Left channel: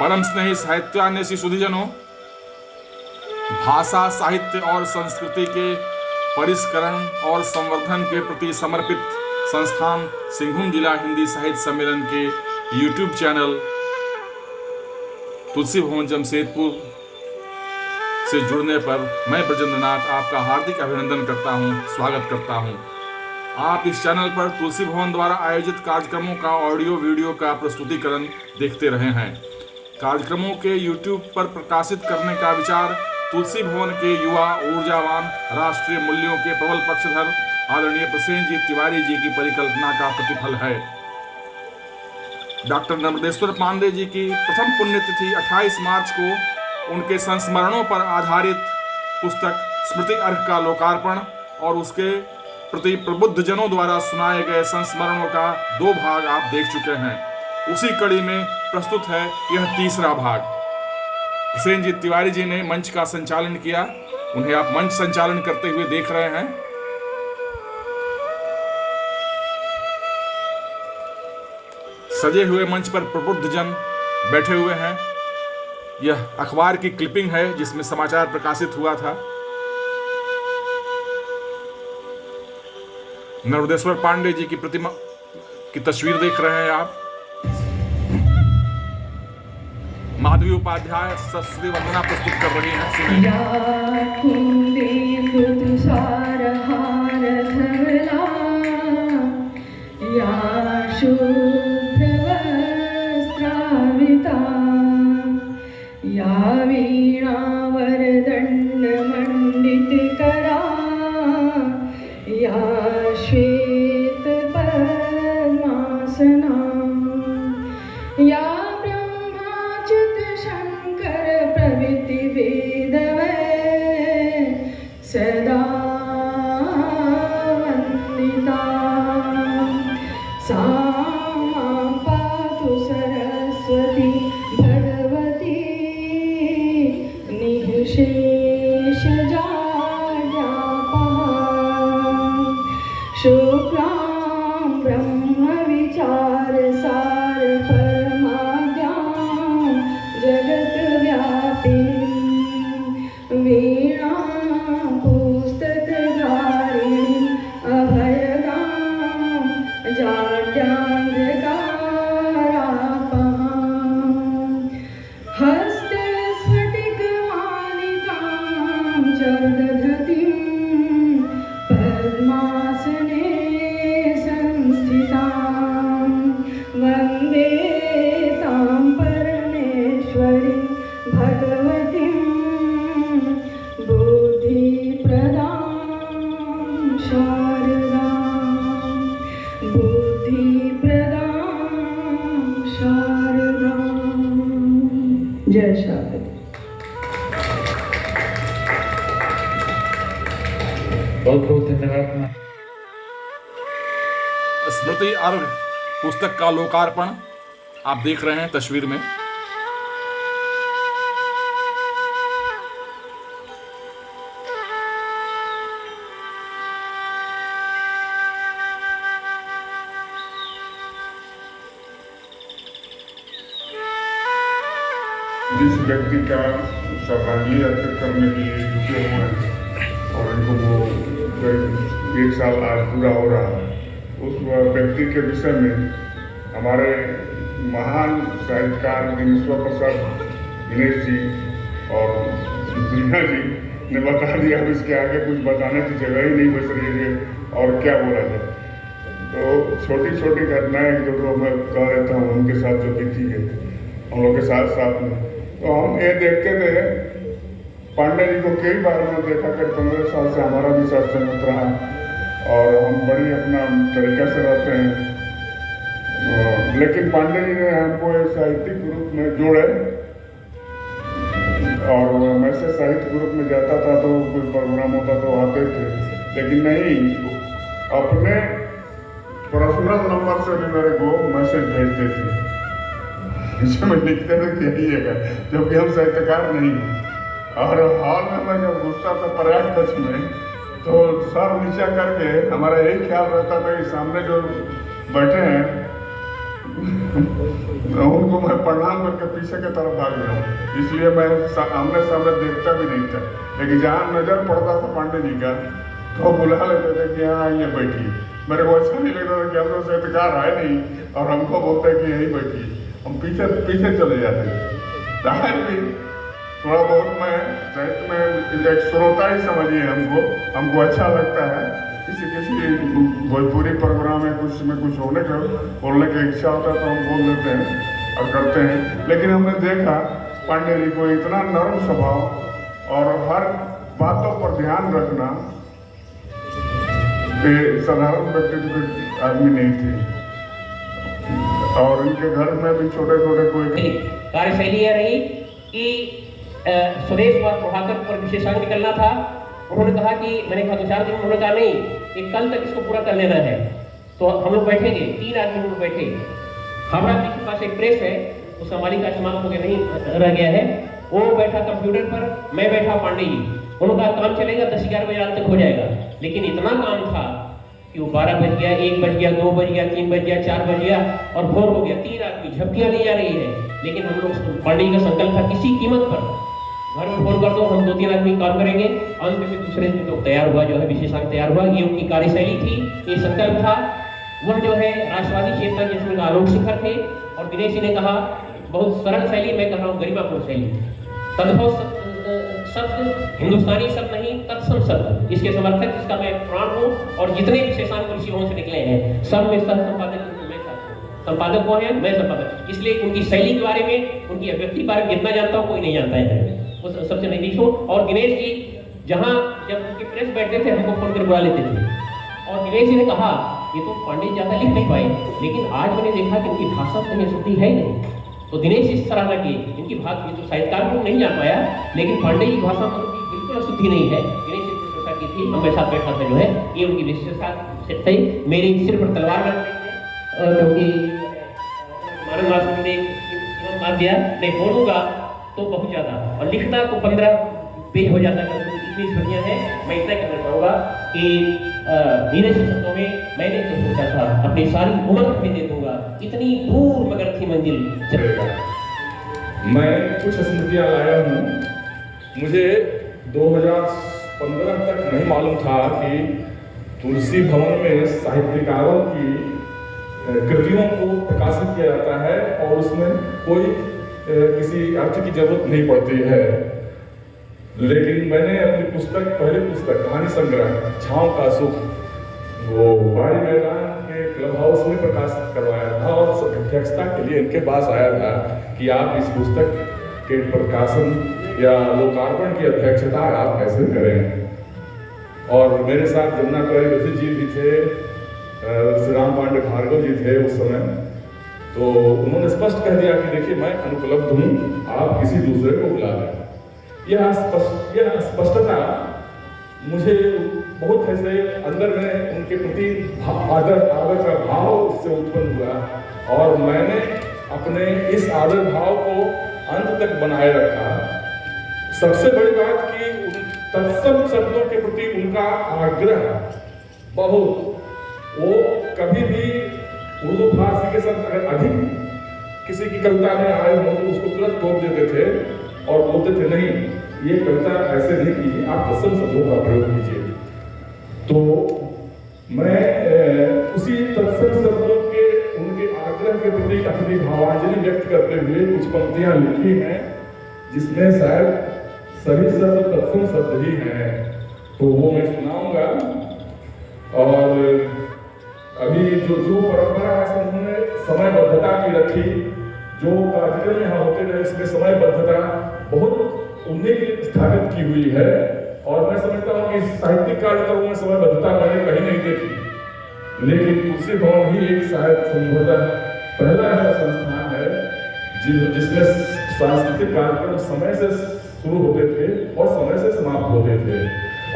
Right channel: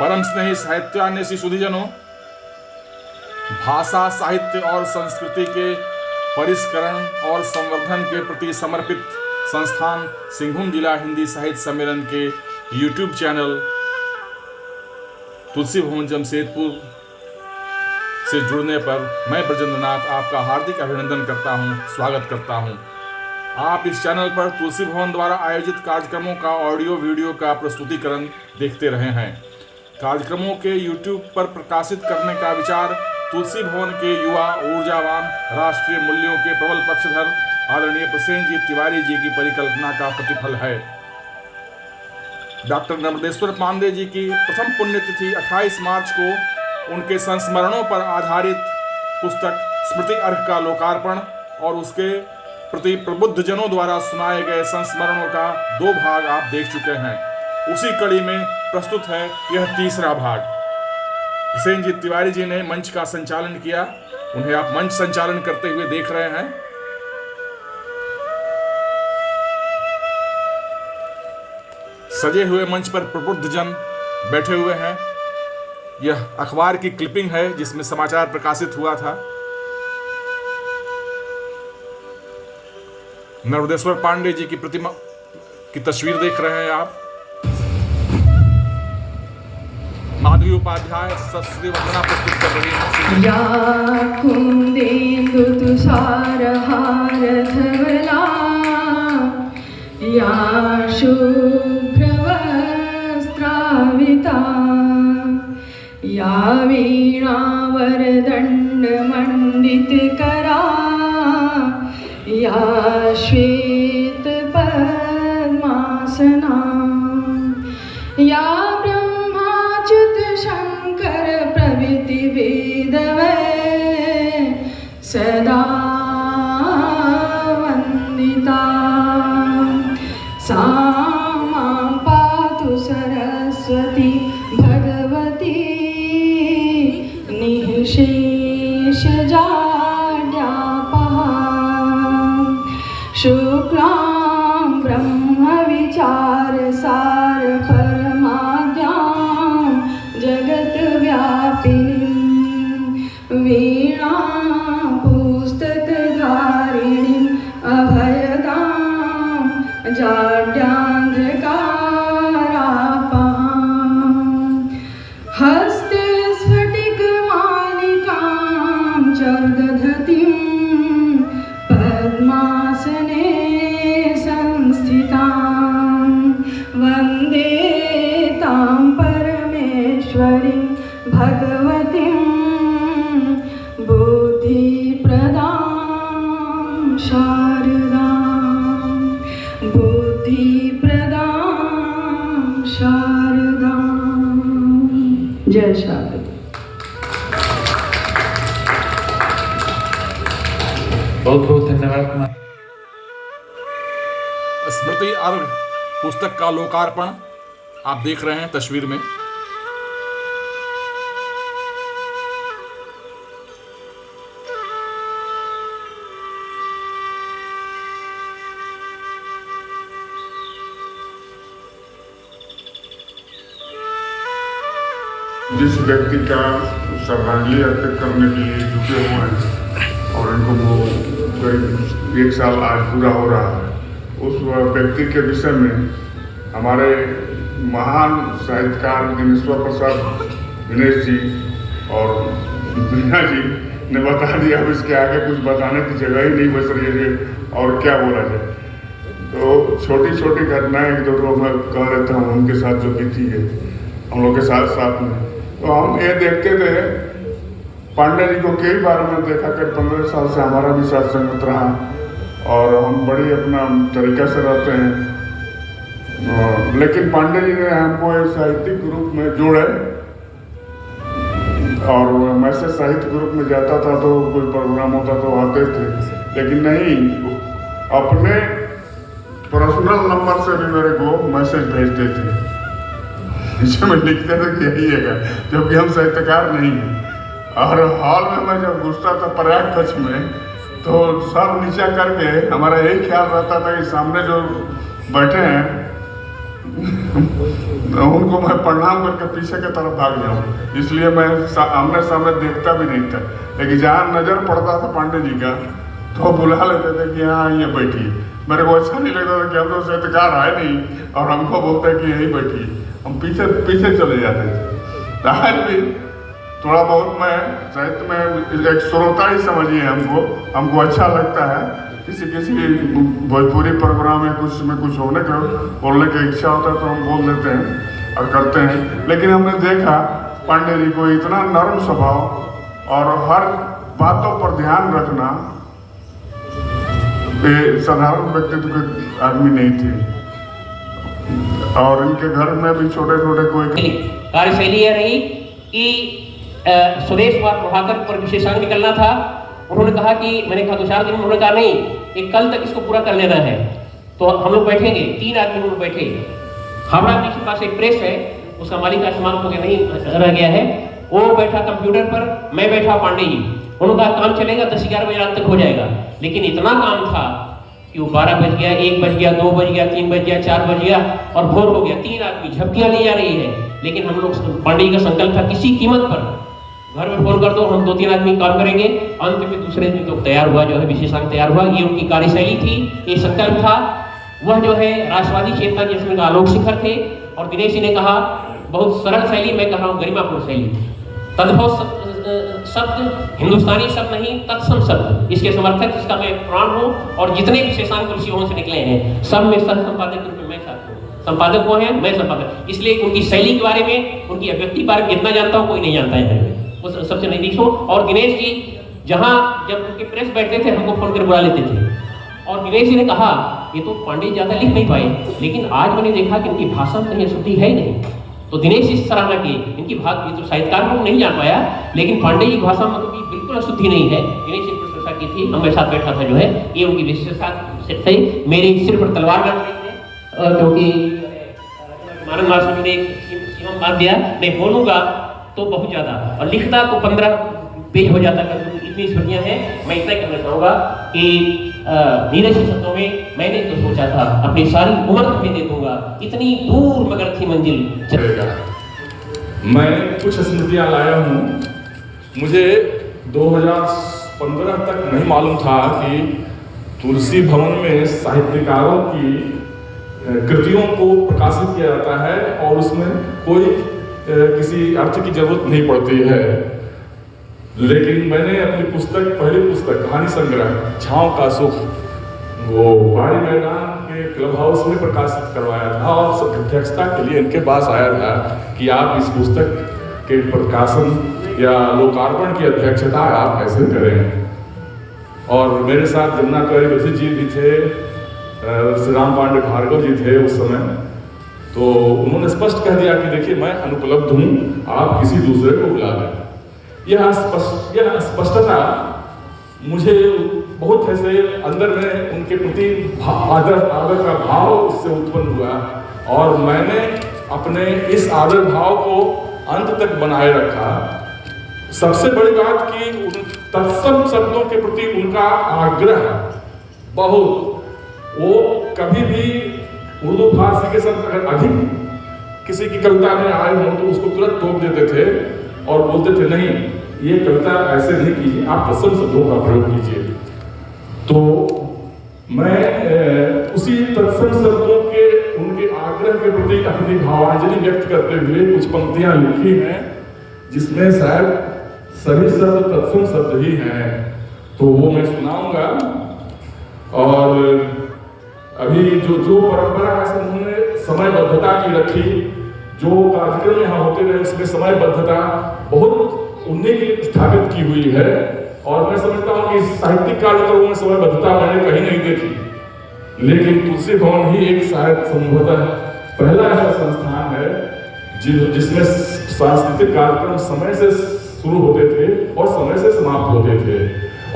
परम स्नेही साहित्यान्वेषी सुधीजनों, भाषा, साहित्य और संस्कृति के परिष्करण और संवर्धन के प्रति समर्पित संस्थान सिंहभूम जिला हिंदी साहित्य सम्मेलन के यूट्यूब चैनल तुलसी भवन जमशेदपुर से जुड़ने पर मैं ब्रजेंद्रनाथ आपका हार्दिक अभिनंदन करता हूं, स्वागत करता हूं। आप इस चैनल पर तुलसी भवन द्वारा आयोजित कार्यक्रमों का ऑडियो वीडियो का प्रस्तुतिकरण देखते रहे हैं। कार्यक्रमों के यूट्यूब पर प्रकाशित करने का विचार तुलसी भवन के युवा, ऊर्जावान, राष्ट्रीय मूल्यों के प्रबल पक्षधर आदरणीय प्रसेनजीत तिवारी जी की परिकल्पना का प्रतिफल है। डॉक्टर नर्मदेश्वर पांडे जी की प्रथम पुण्यतिथि 28 मार्च को उनके संस्मरणों पर आधारित पुस्तक स्मृति अर्घ का लोकार्पण और उसके प्रति प्रबुद्ध जनों द्वारा सुनाए गए संस्मरणों का 2 भाग आप देख चुके हैं। उसी कड़ी में प्रस्तुत है यह तीसरा भाग। प्रसेनजीत तिवारी जी ने मंच का संचालन किया, उन्हें आप मंच संचालन करते हुए देख रहे हैं। सजे हुए मंच पर प्रबुद्ध जन बैठे हुए हैं। यह अखबार की क्लिपिंग है जिसमें समाचार प्रकाशित हुआ था। नर्मदेश्वर पांडे जी की प्रतिमा की तस्वीर देख रहे हैं आप। माधवी उपाध्याय सरस्वती वंदना प्रस्तुत कर रही हैं। या कुंदेन्दु तुषारहार धवला, या शुभ्रवस्त्राविता, या वीणा वरदण्ड मंडितकरा, या श्वेत पद्मासना, या ब्रह्माच्युत शंकर प्रभृति वेदवै सदा वंदिता, सा मां पातु सरस्वती भगवती निःशेष शुक्लां ब्रह्म विचार सार परमाज्ञां जगत व्यापिनीं, वीणा पुस्तक धारिणीं अभयदां जाड्यान्धकारापहां, हस्ते स्फटिक मालिकां च दधतीं, पद्मासने संस्थितां वन्दे तां परमेश्वरीं भगवतीं बुद्धिप्रदां शारदां, बुद्धिप्रदां शारदां। जय शारदा। बहुत बहुत धन्यवाद। स्मृति अर्घ पुस्तक का लोकार्पण आप देख रहे हैं तस्वीर में। जिस व्यक्ति का श्रद्धांजलि अर्पित करने के लिए जुटे हुए हैं और इनको वो 1 साल आज पूरा हो रहा है, उस व्यक्ति के विषय में हमारे महान साहित्यकार दिनेश्वर प्रसाद दिनेश जी और दुनिया जी ने बता दिया। अब इसके आगे कुछ बताने की जगह ही नहीं बच रही है और क्या बोला जाए। तो छोटी छोटी घटनाएं 1-2 मैं कह रहता हूँ उनके साथ जो बीती है हम लोग के साथ में। तो हम ये देखते थे, पांडे जी को कई बार मैं देखा कि 15 साल से हमारा भी साथ संगत रहा और हम बड़ी अपना तरीका से रहते हैं। लेकिन पांडे जी ने हमको एक साहित्यिक ग्रुप में जोड़े और मैं से साहित्य ग्रुप में जाता था तो कोई प्रोग्राम होता तो आते थे, लेकिन नहीं, अपने पर्सनल नंबर से भी मेरे को मैसेज भेजते थे जिसमें लिखते थे कि यही है, जबकि हम साहित्यकार नहीं हैं। और हॉल में मैं जब घुसता था प्रयाग कच्छ में तो सब नीचा करके हमारा यही ख्याल रहता था कि सामने जो बैठे हैं उनको मैं प्रणाम करके पीछे की तरफ भाग जाऊँ, इसलिए मैं आमने सामने देखता भी नहीं था। लेकिन जहाँ नज़र पड़ता था पांडे जी का तो बुला लेते थे कि हाँ ये बैठिए। मेरे को अच्छा नहीं लगता था कि हम तो साहित्यकार आए नहीं और हमको बोलते हैं कि यहीं बैठिए, हम पीछे पीछे चले जाते थे। आज भी थोड़ा बहुत मैं साहित्य में एक श्रोता ही समझिए, हमको अच्छा लगता है। किसी भोजपुरी प्रोग्राम में कुछ होने का बोलने की इच्छा होता है तो हम बोल देते हैं और करते हैं। लेकिन हमने देखा पांडे जी को इतना नर्म स्वभाव और हर बातों पर ध्यान रखना, साधारण व्यक्तित्व के आदमी नहीं थे। और इनके घर में भी छोटे छोटे कोई कार्यशैली यह रही कि सुरेश कुमार प्रभाकर पर विशेषांक निकलना था। उन्होंने कहा कि मैंने कहा 2-4 दिन, उन्होंने कहा नहीं, एक कल तक इसको पूरा कर लेना है। तो हम लोग बैठेंगे, 3 आदमी लोग बैठे। हावड़ा ब्रिज के पास एक प्रेस है, उसका मालिक आसमान हो गया, नहीं रह गया है। वो बैठा कंप्यूटर पर, मैं बैठा पांडे जी। उन्होंने कहा काम चलेगा 10-11 बजे रात तक हो जाएगा। लेकिन इतना काम था कि वो 12 बज गया, 1 बज गया, 2 बज गया, 3 बज गया, 4 बज गया और भोर हो गया। 3 आदमी झपकियां ली जा रही है। लेकिन हम लोग, पांडे जी का संकल्प था किसी कीमत पर घर में फोन कर दो, हम 2-3 आदमी काम करेंगे। अंत में दूसरे दिन तो तैयार हुआ, जो है विशेषांक तैयार हुआ। ये उनकी कार्यशैली थी, ये संकल्प था। वह जो है राष्ट्रवादी चेतना जिसमें आलोक शिखर थे। और दिनेश जी ने कहा बहुत सरल शैली, मैं कह रहा हूँ गरिमापूर्ण शैली, तद्भव शब्द, हिंदुस्तानी शब्द नहीं, तत्सम शब्द, इसके समर्थक जिसका मैं प्राण हूँ। और जितने विशेषांक ऋषियों से निकले हैं सब में सह संपादक मैं था, संपादक वो है, मैं संपादक। इसलिए उनकी शैली के बारे में, उनकी अभिव्यक्ति के बारे में जितना जानता हूँ कोई नहीं जानता है, वो सबसे नजदीक हूँ। और दिनेश जी जहाँ जब उनके प्रेस बैठते थे हमको फोन कर बुला लेते थे। और दिनेश जी ने कहा ये तो पांडे ज्यादा लिख नहीं पाए, लेकिन आज मैंने देखा कि इनकी भाषा में कहीं अशुद्धि है ही नहीं। तो दिनेश जी सराहना की इनकी भाषा, तो साहित्यकार को नहीं जान पाया, लेकिन पांडे जी की भाषा में तो बिल्कुल अशुद्धि नहीं है। दिनेश जी प्रशंसा की थी, हम मेरे साथ बैठा था जो है, ये उनकी विशेषता से मेरे सिर पर तलवार रख रही है, क्योंकि मानव मासूम ने सीमा बांध दिया, नहीं बोलूंगा तो बहुत ज्यादा और लिखता तो 15 पेज हो जाता है। इतनी छुट्टियां हैं, मैं इतना कहना चाहूँगा कि धीरे से शब्दों में मैंने तो सोचा था अपनी सारी उम्र में दे दूंगा, इतनी दूर मगर थी मंजिल चलेगा। मैं कुछ स्मृतियाँ लाया हूँ। मुझे 2015 तक नहीं मालूम था कि तुलसी भवन में साहित्यकारों की कृतियों को प्रकाशित किया जाता है और उसमें कोई किसी अर्थ की जरूरत नहीं पड़ती है। लेकिन मैंने अपनी पुस्तक, पहली पुस्तक कहानी संग्रह छाँव का सुख, वो बाड़ी मैदान के क्लब हाउस में प्रकाशित करवाया था और अध्यक्षता के लिए इनके पास आया था कि आप इस पुस्तक के प्रकाशन या लोकार्पण की अध्यक्षता आप कैसे करें। और मेरे साथ जमुना कवि जी भी थे, श्री राम पांडे भार्गव जी थे उस समय। तो उन्होंने स्पष्ट कह दिया कि देखिए मैं अनुपलब्ध हूँ, आप किसी दूसरे को बुला लें। यह स्पष्टता मुझे बहुत ऐसे अंदर में उनके प्रति आदर का भाव उससे उत्पन्न हुआ और मैंने अपने इस आदर भाव को अंत तक बनाए रखा। सबसे बड़ी बात कि तत्सम शब्दों के प्रति उनका आग्रह बहुत, वो कभी भी उर्दू फारसी के साथ अगर अधिक किसी की कविता में आए हो तो उसको तुरंत टोक देते थे और बोलते थे नहीं ये कविता ऐसे नहीं कीजिए, आप तत्सम शब्दों का प्रयोग कीजिए। तो मैं उसी तत्सम शब्दों के उनके आग्रह के प्रति अपनी भावांजलि व्यक्त करते हुए कुछ पंक्तियां लिखी हैं जिसमें शायद सभी शब्द तत्सम शब्द ही हैं, तो वो मैं सुनाऊंगा। और अभी जो परंपरा है उन्होंने समयबद्धता की रखी, जो कार्यक्रम यहाँ होते रहे उसमें समयबद्धता बहुत उन्हें की स्थापित की हुई है। और मैं समझता हूँ कि साहित्यिक कार्यक्रमों में समयबद्धता मैंने कहीं नहीं देखी, लेकिन तुलसी भवन ही एक शायद संभवतः पहला ऐसा संस्थान है जिसमें सांस्कृतिक कार्यक्रम समय से शुरू होते थे और समय से समाप्त होते थे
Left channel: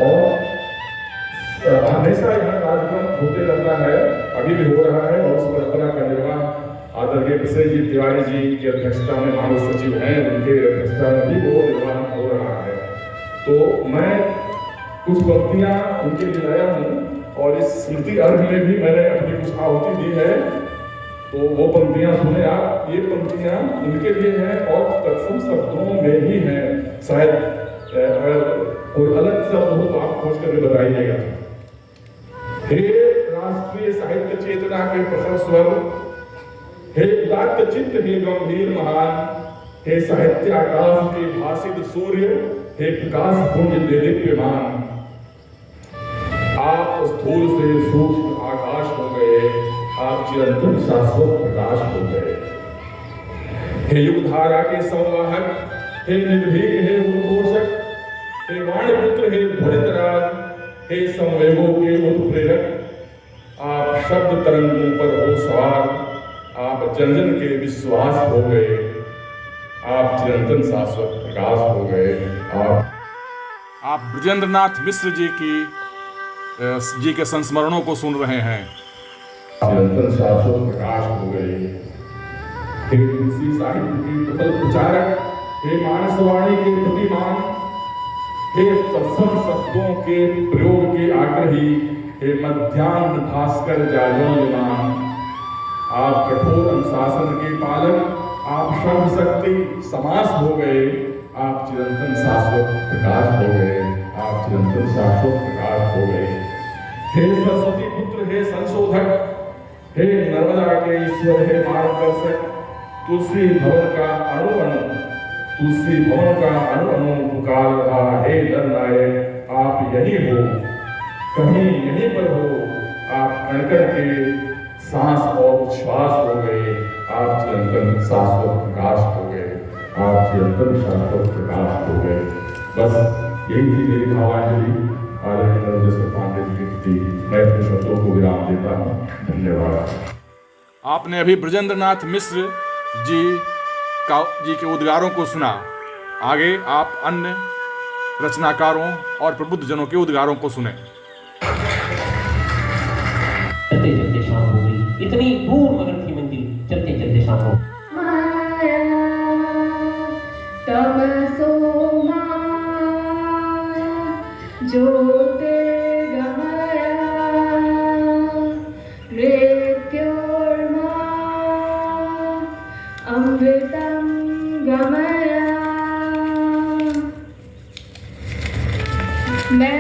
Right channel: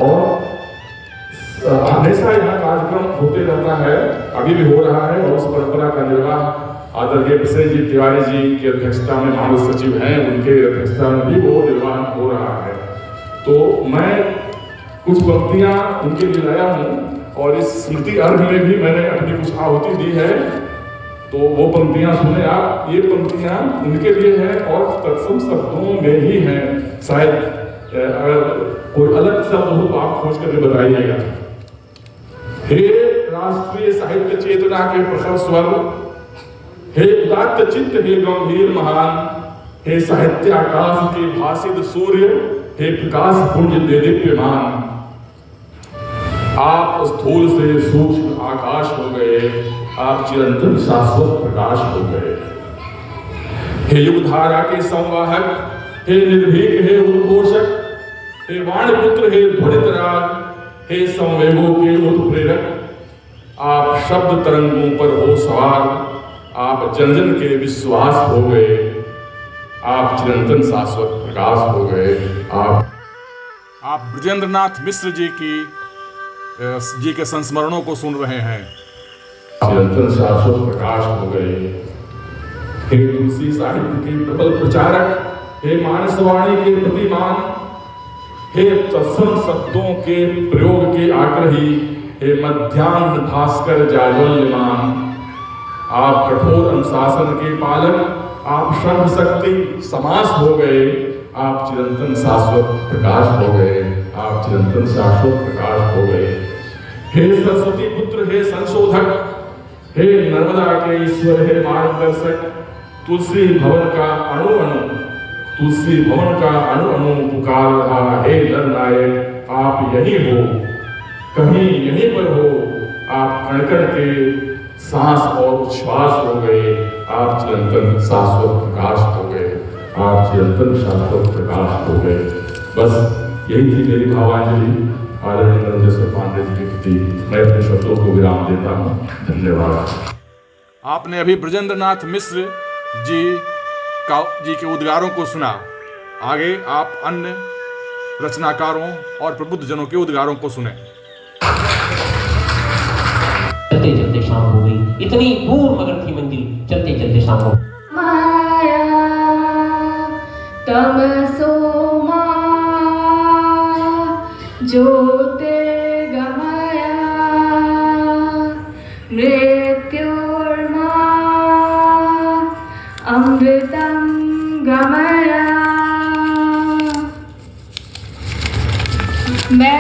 और हमेशा यहाँ कार्यक्रम होते रहता है, अभी भी हो रहा है। और उस परंपरा का निर्वाह आदरणीय विशेष जी तिवारी जी की अध्यक्षता में मानव सचिव हैं, उनके अध्यक्षता में भी वो निर्वाह हो रहा है। तो मैं कुछ पंक्तियाँ उनके लिए लाया हूँ और इस स्मृति अर्घ में भी मैंने अपनी कुछ आहुति दी है। तो वो पंक्तियां सुने आप, ये पंक्तियां उनके लिए हैं और तत्सम शब्दों में ही हैं। शायद अगर कोई अलग शब्द हो तो आप खोज करके बताइएगा। हे राष्ट्रीय साहित्य चेतना के प्रखर स्वर, हे उदात्त चित्त, हे गंभीर महान, हे साहित्य आकाश के भासित सूर्य, हे प्रकाश पुंज देदीप्यमान, आप स्थूल से सूक्ष्म आकाश हो गए, आप चिरंतन शाश्वत प्रकाश हो गए। हे युगधारा के संवाहक, हे निर्भीक, हे उद्घोषक, हे वाणपुत्र, हे ध्वनितराग, हे संवेगों के उत्प्रेरक, आप शब्द तरंगों पर हो सवार, आप जन जन के विश्वास हो गए, आप चिरंतन शाश्वत प्रकाश हो गए। आप ब्रजेंद्र नाथ मिश्र जी के संस्मरणों को सुन रहे हैं। चिरंतन शाश्वत प्रकाश हो गए। हे तुलसी साहित्य के प्रबल प्रचारक, हे मानसवाणी के प्रतिमान, हे तत्सम शब्दों के प्रयोग के आग्रही, हे मध्याह्न भास्कर जाज्वल्यमान, आप कठोर अनुशासन के पालक, आप सर्व शक्ति समास हो गए, आप चिरंतन शाश्वत प्रकाश हो गए, आप चिरंतन शाश्वत प्रकाश हो गए। हे सरस्वती पुत्र, हे संशोधक, हे नर्मदा के ईश्वर, हे मार्गदर्शक, तुलसी भवन का अणु अणु, तुलसी भवन का अणु अणु पुकार रहा, हे जननायक, आप यही हो, कहीं यहीं पर हो, आप कण कण के सांस और उच्छ्वास हो गए, आप चिरंतन शाश्वत प्रकाश हो गए, आप चिरंतन शाश्वत प्रकाश हो गए। बस यही थी मेरी भावांजलि आदरणीय नरेंद्र पांडे जी के प्रति। मैं अपने शब्दों को विराम देता हूँ। धन्यवाद। आपने अभी ब्रजेंद्र नाथ मिश्र जी के उद्गारों को सुना। आगे आप अन्य रचनाकारों और प्रबुद्ध जनों के उद्गारों को सुने। चलते चलते शाम हो गई, इतनी दूर मगर थी मंजिल, चलते चलते शाम हो गई। माया तमसो माया ज्योतिर्गमया मृत्युर्मा अमृतं गमया। मैं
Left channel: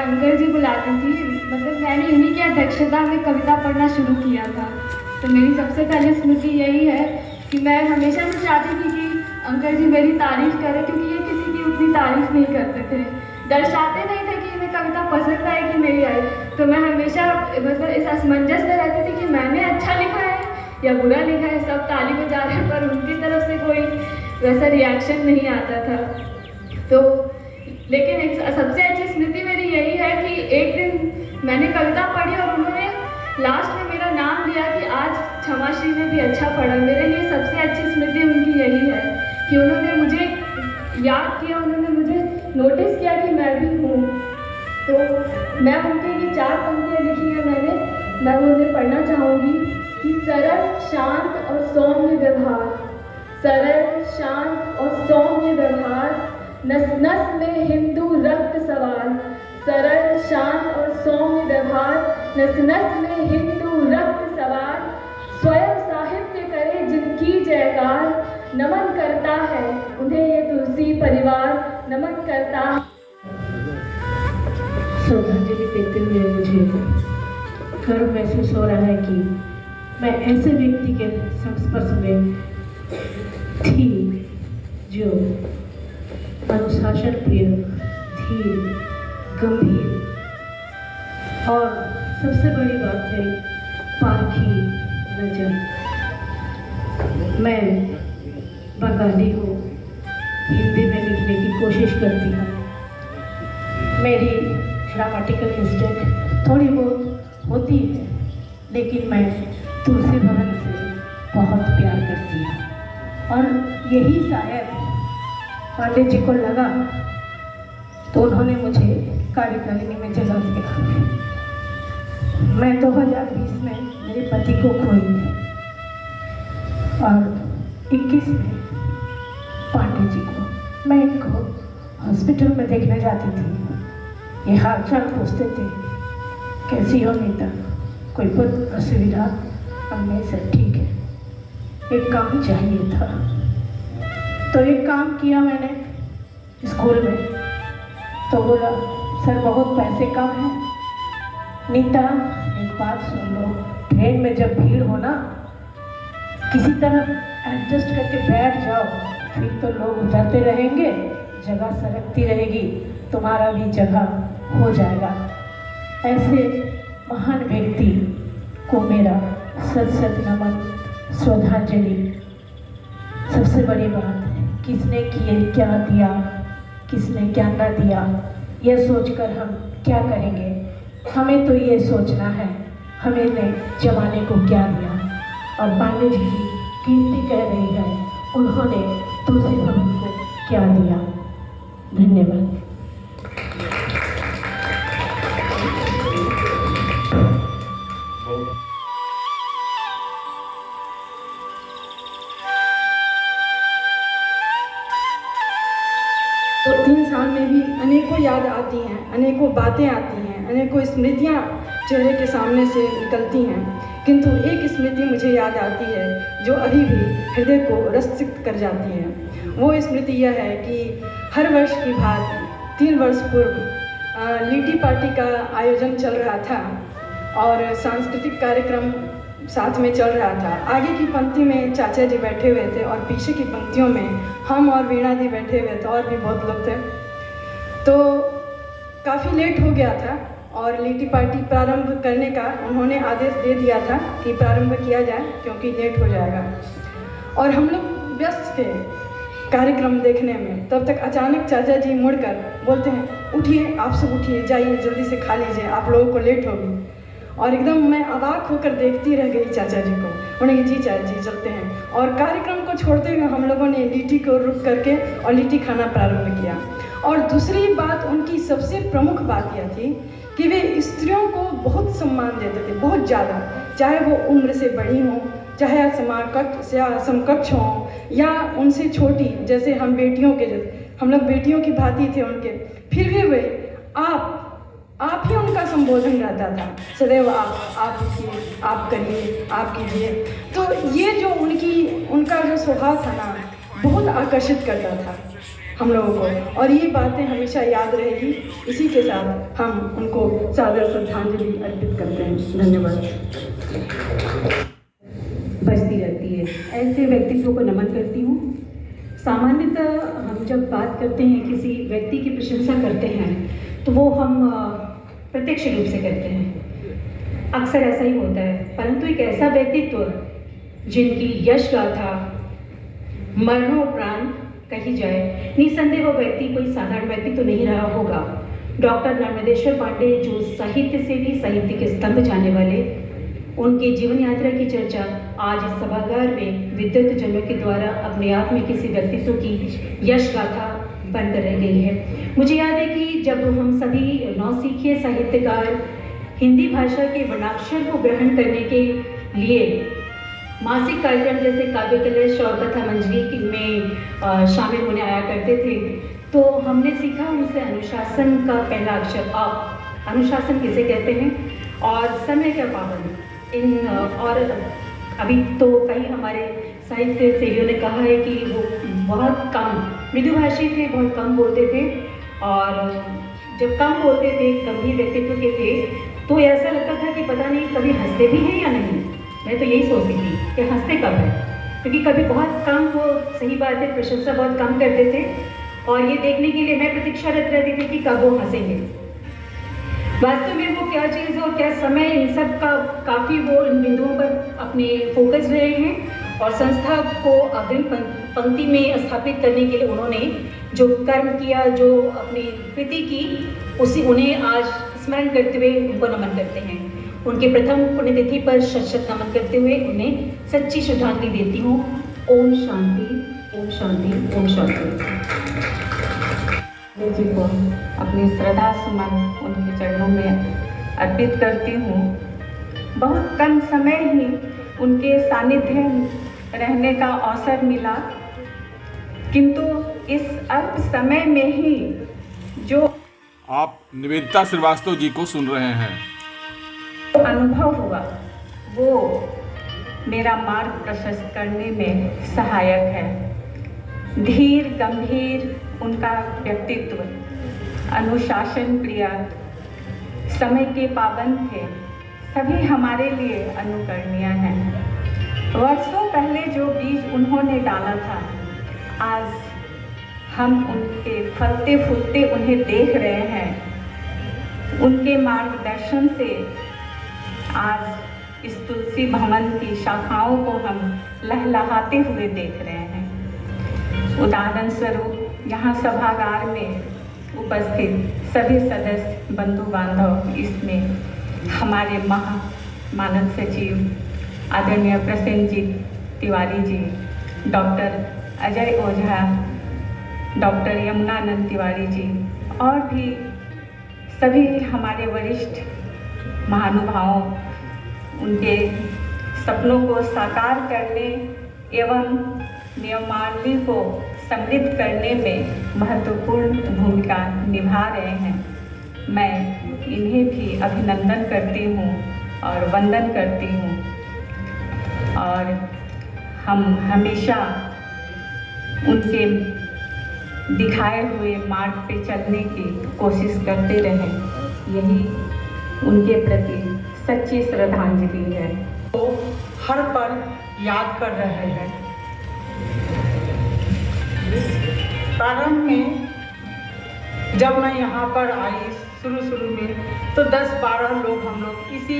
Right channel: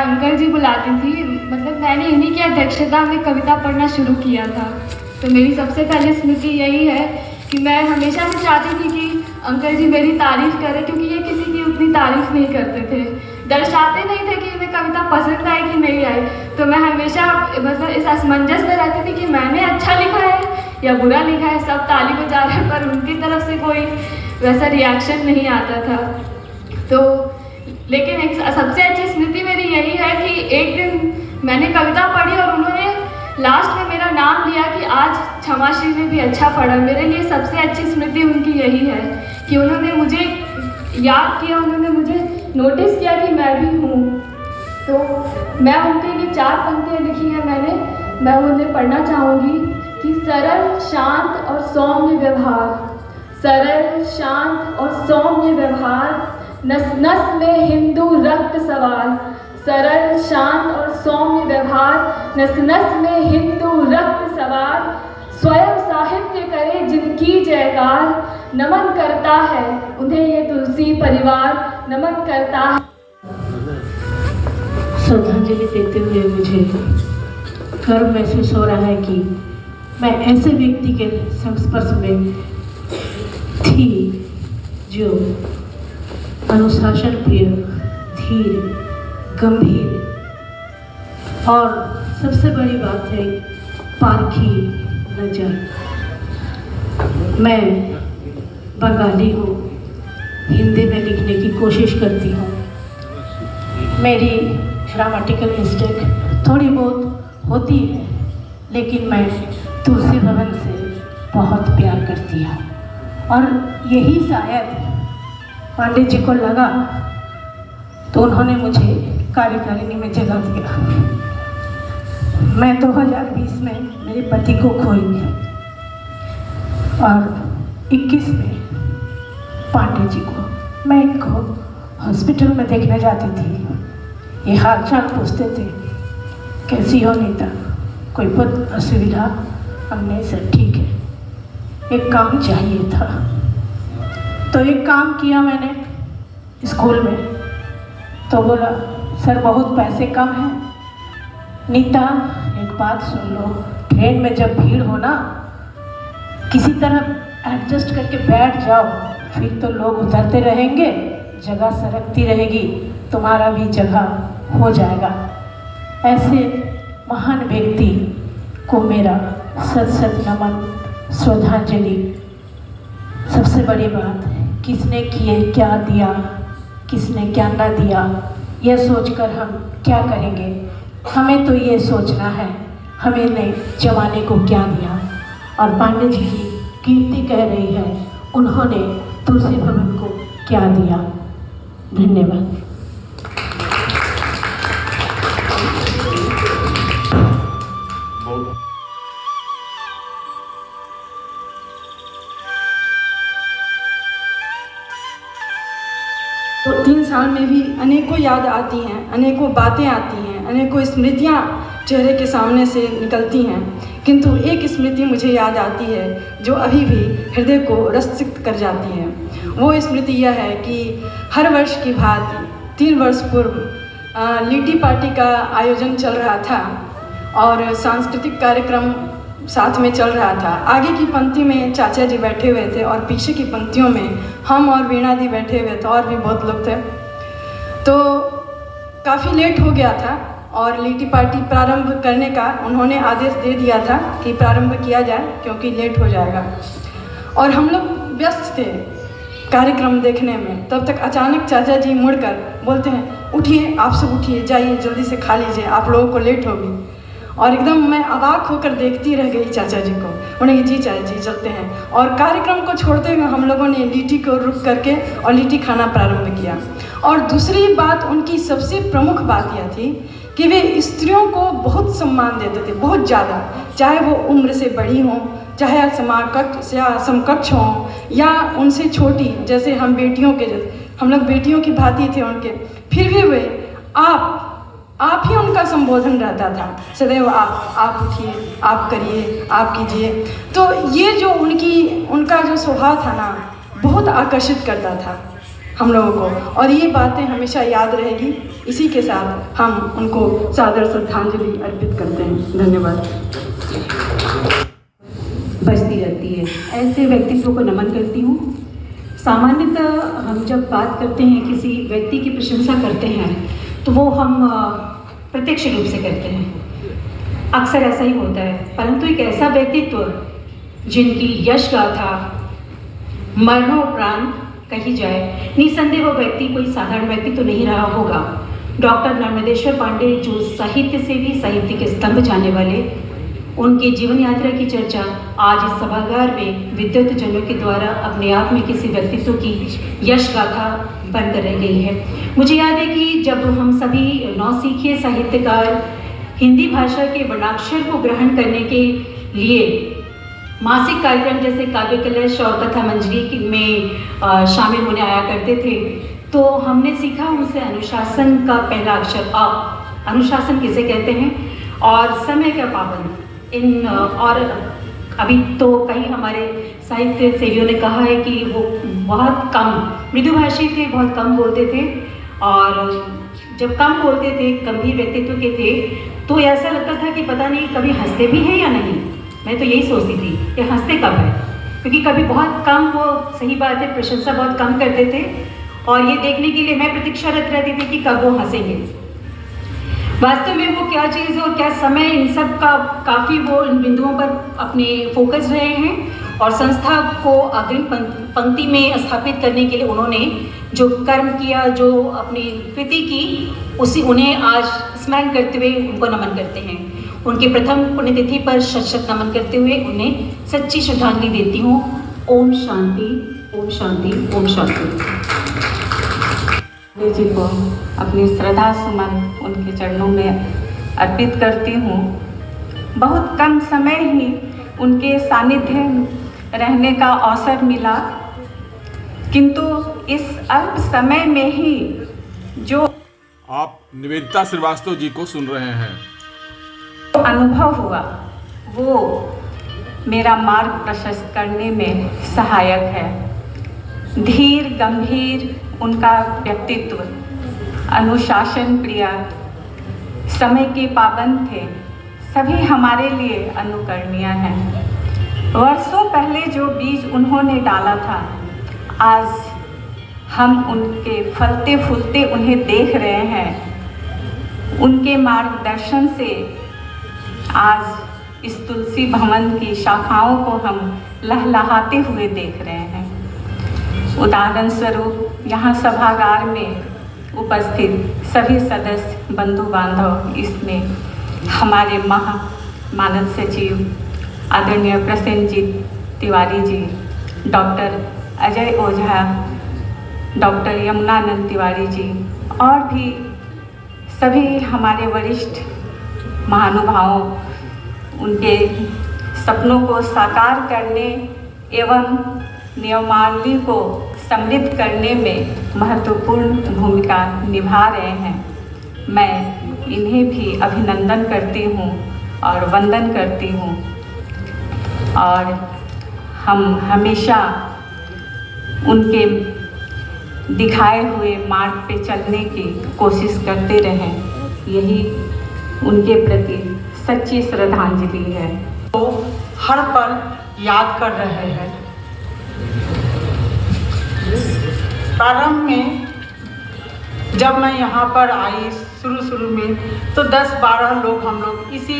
अंकल जी बुलाती थी, मतलब मैंने इन्हीं की अध्यक्षता में कविता पढ़ना शुरू किया था। तो मेरी सबसे पहली स्मृति यही है कि मैं हमेशा से चाहती थी कि अंकल जी मेरी तारीफ करें, क्योंकि ये किसी की उतनी तारीफ नहीं करते थे, दर्शाते नहीं थे कि इन्हें कविता पसंद आए कि नहीं आए। तो मैं हमेशा मतलब इस असमंजस में रहती थी कि मैंने अच्छा लिखा है या बुरा लिखा है। सब ताली बजा रहे हैं पर उनकी तरफ से कोई वैसा रिएक्शन नहीं आता था। तो लेकिन एक सबसे अच्छी स्मृति मेरी यही है कि एक दिन मैंने कविता पढ़ी और उन्होंने लास्ट में मेरा नाम लिया कि आज क्षमाश्री ने भी अच्छा पढ़ा। मेरे लिए सबसे अच्छी स्मृति उनकी यही है कि उन्होंने मुझे याद किया, उन्होंने मुझे नोटिस किया कि मैं भी हूँ। तो मैं उनके लिए 4 पंक्तियाँ लिखी हैं मैं उन्हें पढ़ना चाहूँगी कि सरल शांत और सौम्य व्यवहार, सरल शांत और सौम्य व्यवहार, नस नस में हिंदू रक्त सवार, सरल शांत और सौम्य व्यवहार, नस नस में हिंदू रक्त सवार, स्वयं साहित्य करे जिनकी जयकार, नमन करता है उन्हें ये तुलसी परिवार, नमन करता है। श्रद्धांजलि देते हुए मुझे गर्व महसूस हो रहा है कि मैं ऐसे व्यक्ति के संस्पर्श में थी जो अनुशासन प्रिय, धीर, गंभीर और सबसे बड़ी बात है पारखी नजर। मैं बंगाली हूँ, हिंदी में लिखने की कोशिश करती हूँ। मेरी ग्रामेटिकल मिस्टेक थोड़ी बहुत होती है, लेकिन मैं तुलसी भवन से बहुत प्यार करती हूँ और यही शायद पांडे जी को लगा तो उन्होंने मुझे कार्यकारिणी में जगह दिया। मैं 2020 में मेरे पति को खोई और 21 में पांडे जी को। मैं इनको हॉस्पिटल में देखने जाती थी, ये हाल चाल पूछते थे, कैसी हो नीता, कोई बहुत असुविधा हमने सर ठीक है, एक काम चाहिए था। तो एक काम किया मैंने स्कूल में, तो बोला सर बहुत पैसे कम हैं। नीता एक बात सुन लो, ट्रेन में जब भीड़ हो ना, किसी तरह एडजस्ट करके बैठ जाओ, फिर तो लोग उतरते रहेंगे, जगह सरकती रहेगी, तुम्हारा भी जगह हो जाएगा। ऐसे महान व्यक्ति को मेरा सत सत नमन, श्रद्धांजलि। सबसे बड़ी बात, किसने किए क्या दिया, किसने क्या ना दिया, यह सोचकर हम क्या करेंगे। हमें तो ये सोचना है हमें ने जमाने को क्या दिया। और पांडे जी की कीर्ति कह रही है उन्होंने तुलसी भवन को क्या दिया। धन्यवाद। तो 3 साल में भी अनेकों याद आती हैं, अनेकों बातें आती हैं, अनेकों स्मृतियाँ चेहरे के सामने से निकलती हैं, किंतु एक स्मृति मुझे याद आती है जो अभी भी हृदय को रसिक्त कर जाती है। वो स्मृति यह है कि हर वर्ष की भांति 3 वर्ष पूर्व लीटी पार्टी का आयोजन चल रहा था और सांस्कृतिक कार्यक्रम साथ में चल रहा था। आगे की पंक्ति में चाचा जी बैठे हुए थे और पीछे की पंक्तियों में हम और वीणा दी बैठे हुए थे और भी बहुत लोग थे। तो काफ़ी लेट हो गया था और लीटी पार्टी प्रारंभ करने का उन्होंने आदेश दे दिया था कि प्रारंभ किया जाए क्योंकि लेट हो जाएगा। और हम लोग व्यस्त थे कार्यक्रम देखने में। तब तक अचानक चाचा जी मुड़कर बोलते हैं, उठिए आप सब उठिए, जाइए जल्दी से खा लीजिए, आप लोगों को लेट होगी। और एकदम मैं अवाक होकर देखती रह गई चाचा जी को। उन्होंने जी चाचा जी चलते हैं। और कार्यक्रम को छोड़ते हुए हम लोगों ने लीटी को रुक करके और लीटी खाना प्रारंभ किया। और दूसरी बात, उनकी सबसे प्रमुख बात यह थी कि वे स्त्रियों को बहुत सम्मान देते थे, बहुत ज़्यादा, चाहे वो उम्र से बड़ी हों, चाहे समकक्ष या समकक्ष हों या उनसे छोटी, जैसे हम बेटियों के, हम लोग बेटियों की भांति थे उनके, फिर भी वे आप ही उनका संबोधन रहता था सदैव। आप उठिए, आप करिए, आप कीजिए। तो ये जो उनका जो स्वभाव था ना, बहुत आकर्षित करता था हम लोगों को, और ये बातें हमेशा याद रहेगी। इसी के साथ हम उनको सादर श्रद्धांजलि अर्पित करते हैं। धन्यवाद। बजती रहती है, ऐसे व्यक्तित्व को नमन करती हूँ। सामान्यतः हम जब बात करते हैं, किसी व्यक्ति की प्रशंसा करते हैं, तो वो हम प्रत्यक्ष रूप से करते हैं, अक्सर ऐसा ही होता है। परंतु एक ऐसा व्यक्तित्व जिनकी यश गाथा मरणोपरांत कही जाए, निसंदेह वो व्यक्ति कोई साधारण व्यक्ति तो नहीं रहा होगा। डॉक्टर नर्मदेश्वर पांडे, जो साहित्य से भी साहित्य के स्तंभ जाने वाले, उनकी जीवन यात्रा की चर्चा आज इस सभागार में विद्वत जनों के द्वारा अपने आप में किसी व्यक्तित्व की यश गाथा बनकर रह गई है। मुझे याद है कि जब हम सभी नौसिखिए साहित्यकार हिंदी भाषा के वर्णाक्षर को ग्रहण करने के लिए मासिक कार्यक्रम जैसे काव्य कलश और कथा मंजरी में शामिल होने आया करते थे, तो हमने सीखा उनसे अनुशासन का पहला अक्षर अ। अनुशासन किसे कहते हैं और समय का पाबंद। और अभी तो कई हमारे साहित्य सेवियों ने कहा है कि वो बहुत कम मृदुभाषी थे, बहुत कम बोलते थे, और जब कम बोलते थे, गंभीर व्यक्तित्व के थे, तो ऐसा लगता था कि पता नहीं कभी हंसते भी हैं या नहीं। मैं तो यही सोचती थी कि हंसते कब है, क्योंकि कभी बहुत कम, वो सही बात है, प्रशंसा बहुत कम करते थे, और ये देखने के लिए मैं प्रतीक्षारत रहती थी कि कब वो हंसेंगे। वास्तव में वो क्या चीज़ और क्या समय, इन सब का काफ़ी वो इन बिंदुओं पर अपने फोकस रहे हैं, और संस्था को अग्रिम पंक्ति में स्थापित करने के लिए उन्होंने जो कर्म किया, जो अपनी कृति की, उन्हें आज स्मरण करते हुए उनको नमन करते हैं। उनके प्रथम पुण्यतिथि पर शत नमन करते हुए उन्हें सच्ची श्रद्धांजलि देती हूँ। ओम शांति, ओम शांति, ओम शांति। जी को अपनी श्रद्धा सुमन उनके चरणों में अर्पित करती हूँ। बहुत कम समय ही उनके सानिध्य रहने का अवसर मिला, किंतु इस अल्प समय में ही जो आप निवेदिता श्रीवास्तव जी को सुन रहे हैं। अनुभव हुआ वो मेरा मार्ग प्रशस्त करने में सहायक है। धीर गंभीर उनका व्यक्तित्व, अनुशासन प्रिय, समय के पाबंद थे, सभी हमारे लिए अनुकरणीय हैं। वर्षों पहले जो बीज उन्होंने डाला था, आज हम उनके फलते फूलते उन्हें देख रहे हैं। उनके मार्गदर्शन से आज इस तुलसी भवन की शाखाओं को हम लहलहाते हुए देख रहे हैं। उदाहरण स्वरूप यहाँ सभागार में उपस्थित सभी सदस्य बंधु बांधव, इसमें हमारे मानद सचिव आदरणीय प्रसेनजीत तिवारी जी, डॉक्टर अजय ओझा, डॉक्टर यमुनानंद तिवारी जी और भी सभी हमारे वरिष्ठ महानुभावों, उनके सपनों को साकार करने एवं नियमावली को समृद्ध करने में महत्वपूर्ण भूमिका निभा रहे हैं। मैं इन्हें भी अभिनंदन करती हूँ और वंदन करती हूँ और हम हमेशा उनके दिखाए हुए मार्ग पे चलने की कोशिश करते रहें। यही उनके प्रति सच्ची श्रद्धांजलि है। तो हर पल याद कर रहे हैं। प्रारंभ में जब मैं यहाँ पर आई शुरू में तो 10-12 लोग हम लोग इसी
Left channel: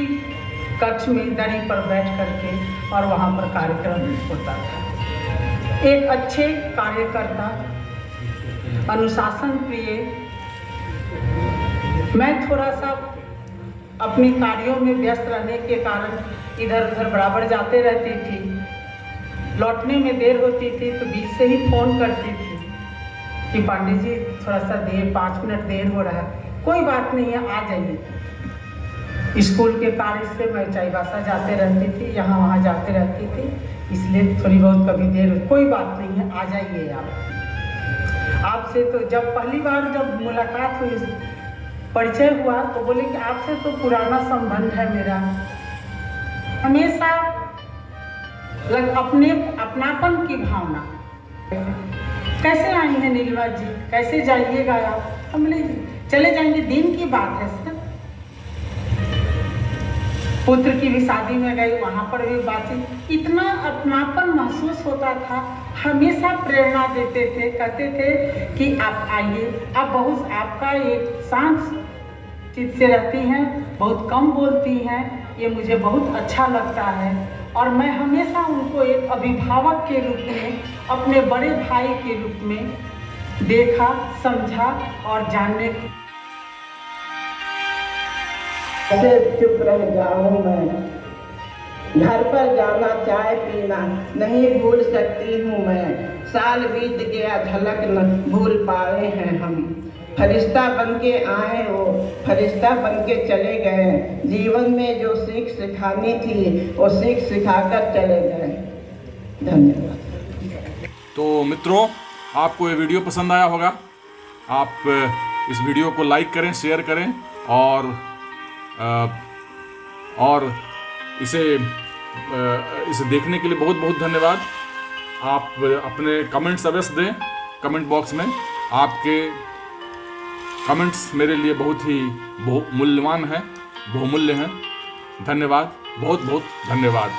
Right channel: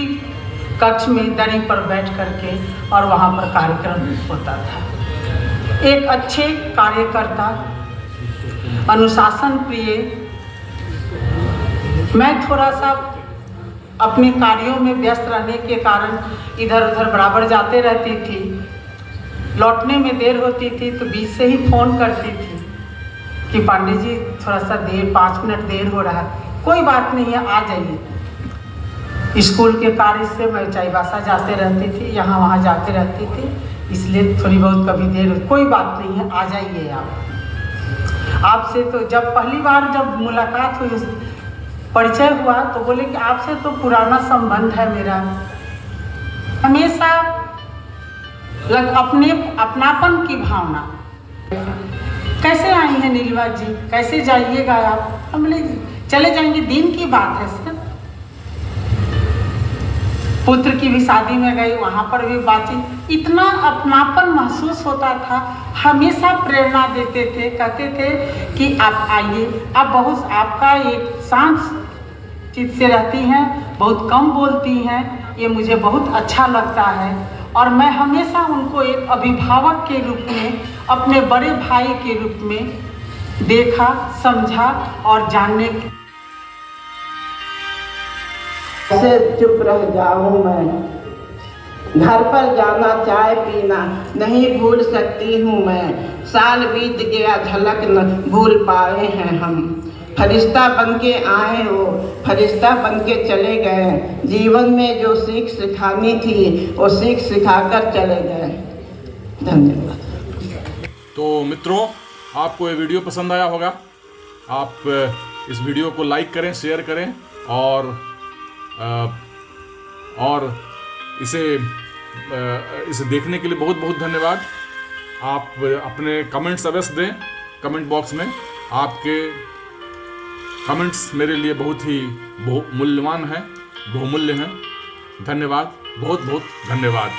कक्ष में दरी पर बैठ करके और वहाँ पर कार्यक्रम होता था। एक अच्छे कार्यकर्ता, अनुशासन प्रिय, मैं थोड़ा सा अपने कार्यों में व्यस्त रहने के कारण इधर उधर बराबर जाते रहती थी। लौटने में देर होती थी तो बीच से ही फ़ोन करती थी कि पांडे जी थोड़ा सा देर, 5 मिनट देर हो रहा है। कोई बात नहीं है, आ जाइए। स्कूल के कार्य से मैं चाईबासा जाते रहती थी, यहाँ वहाँ जाते रहती थी, इसलिए थोड़ी बहुत कभी देर, कोई बात नहीं है, आ जाइए आप। आपसे तो जब पहली बार जब मुलाकात हुई, परिचय हुआ तो बोले कि आपसे तो पुराना संबंध है मेरा। हमेशा अपनापन की भावना। कैसे आई हैं नीलवा जी, कैसे जाइएगा आप? हम बोले चले जाएंगे, दिन की बात है सर। पुत्र की भी शादी में गई, वहाँ पर भी बातचीत, इतना अपनापन महसूस होता था। हमेशा प्रेरणा देते थे, कहते थे कि आप आइए। आप बहुत, आपका एक शांत चित्त से रहती हैं, बहुत कम बोलती हैं, ये मुझे बहुत अच्छा लगता है। और मैं हमेशा उनको एक अभिभावक के रूप में, अपने बड़े भाई के रूप में देखा, समझा और जानने की। ऐसे चुप रह जाऊं मैं, घर पर जाना, चाय पीना नहीं भूल सकती हूँ मैं। साल बीत गया, झलक न भूल पाए हैं हम। फरिश्ता बन के आए हो, फरिश्ता बन के चले गए। जीवन में जो सीख सिखानी थी वो सीख सिखाकर चले गए। धन्यवाद। तो मित्रों, आपको ये वीडियो पसंद आया होगा। आप इस वीडियो को लाइक करें, शेयर करें और इसे देखने के लिए बहुत बहुत धन्यवाद। आप अपने कमेंट्स अवश्य दें कमेंट बॉक्स में। आपके कमेंट्स मेरे लिए बहुत ही मूल्यवान हैं, बहुमूल्य हैं। धन्यवाद, बहुत बहुत धन्यवाद।